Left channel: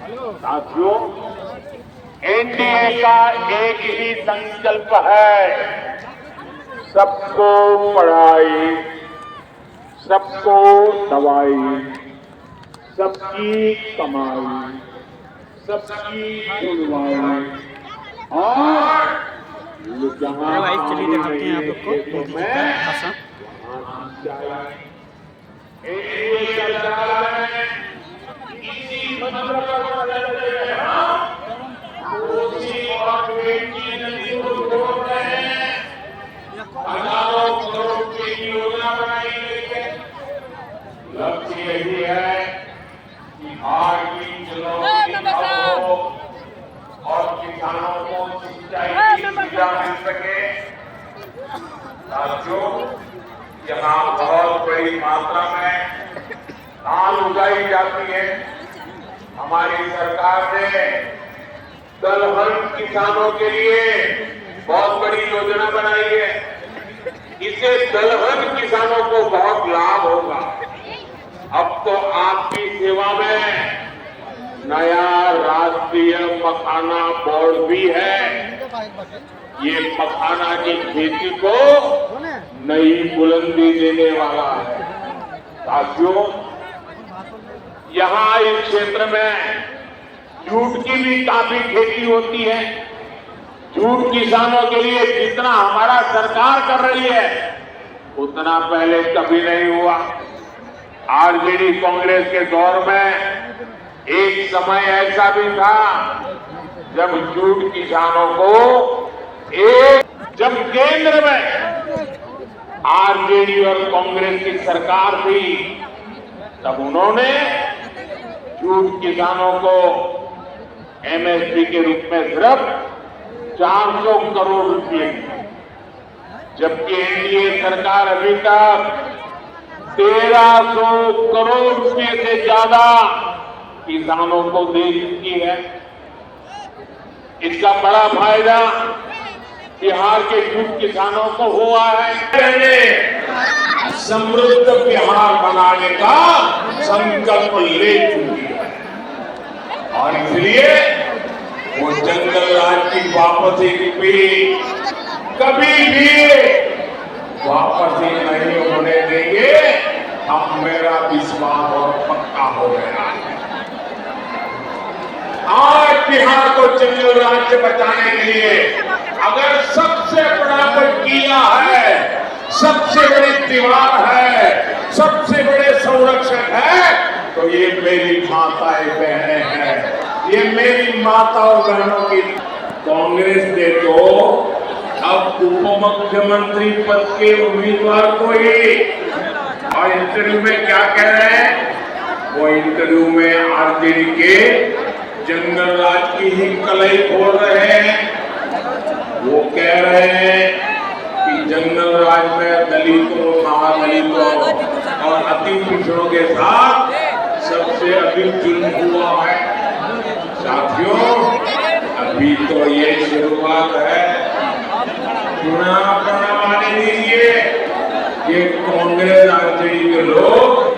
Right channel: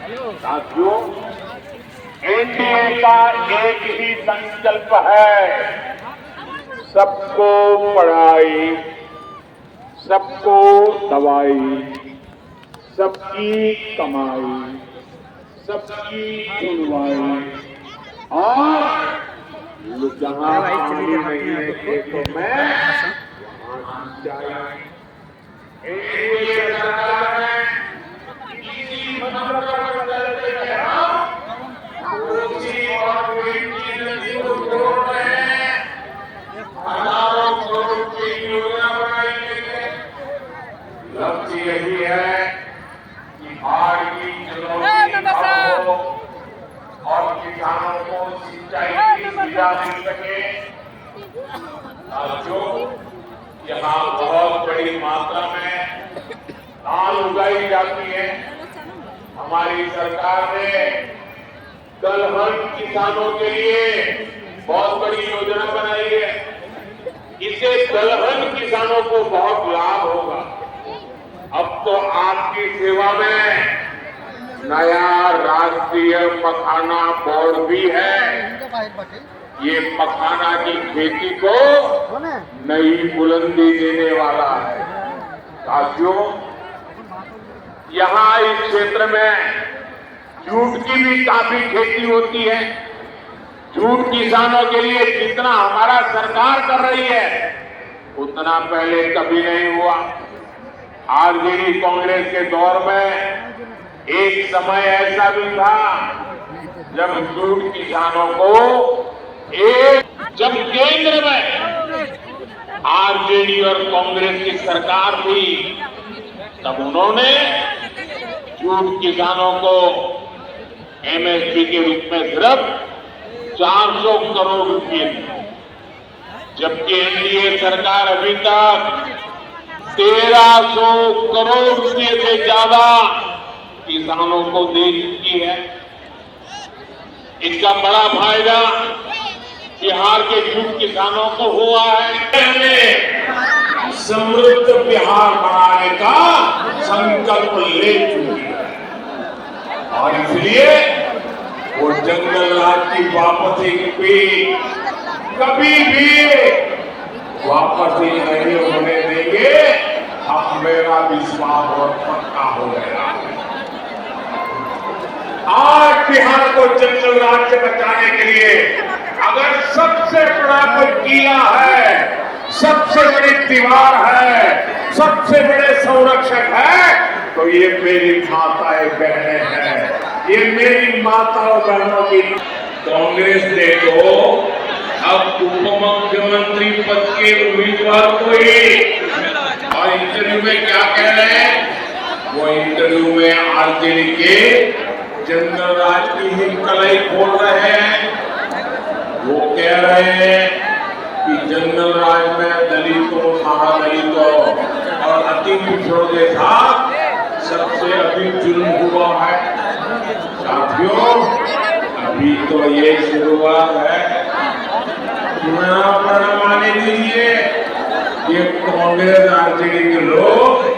साथियों, एनडीए का एक ही संकल्प है, सबको पढ़ाई, सबको दवाई, सबकी कमाई, सबकी सुनवाई और जहां पानी नहीं है खेतों में वहां सिंचाई। एनडीए सरकार में इसी मंत्र पर चल रहे हैं, कोसी और बेटी नदी को जोड़ रहे हैं, हजारों करोड़ की योजना बनाई गई है। लक्ष्य यही है कि बाढ़ की चुनौती कम हो और किसानों को सिंचाई की सुविधा मिल सके। साथियों, यहाँ बहुत बड़ी मात्रा में धान उगाई जाती है। हमारी सरकार ने दलहन किसानों के लिए बहुत बड़ी योजना बनाई है। इससे दलहन किसानों को बहुत लाभ होगा। अब तो आपकी सेवा में नया राष्ट्रीय मखाना बोर्ड भी है। ये मखाना की खेती को नई बुलंदी देने वाला है। साथियों, यहाँ इस क्षेत्र में जूट की भी काफी खेती होती है। जूट किसानों के लिए जितना हमारा सरकार कर रही है उतना पहले कभी नहीं हुआ। आरजेडी कांग्रेस के दौर में एक समय ऐसा भी था जब जूट किसानों को जब केंद्र में आरजेडी और कांग्रेस की सरकार थी तब उन्होंने जूट किसानों को एमएसपी के रूप में सिर्फ 400 करोड़ रुपए दिए, जबकि एनडीए सरकार अभी तक 1300 करोड़ रुपए से ज्यादा किसानों को दे चुकी है। इसका बड़ा फायदा बिहार के जूट किसानों को हुआ है। समृद्ध बिहार बनाने का संकल्प ले चुकी है और इसलिए वो जंगल राज की वापसी भी कभी भी वापसी नहीं होने देंगे। अब मेरा विश्वास और पक्का हो गया। आज बिहार को जंगल राज से बचाने के लिए अगर सबसे बड़ा किया है, सबसे बड़ी दीवार है, सबसे बड़े संरक्षक है, तो ये मेरी माताएं बहनें हैं। ये मेरी माताओं बहनों की कांग्रेस ने तो अब उप मुख्यमंत्री पद के उम्मीदवार को ही और इंटरव्यू में क्या कह रहे हैं? वो इंटरव्यू में आरजेडी के जंगल राज की ही कलई खोल रहे हैं। वो कह रहे हैं कि जंगल राज में दलितों, महादलितों और अति पिछड़ों के साथ सबसे अधिक जुल्म हुआ है। साथियों, अभी तो ये शुरुआत है। चुनाव करवाने दीजिए। ये कांग्रेस आरजेडी के लोग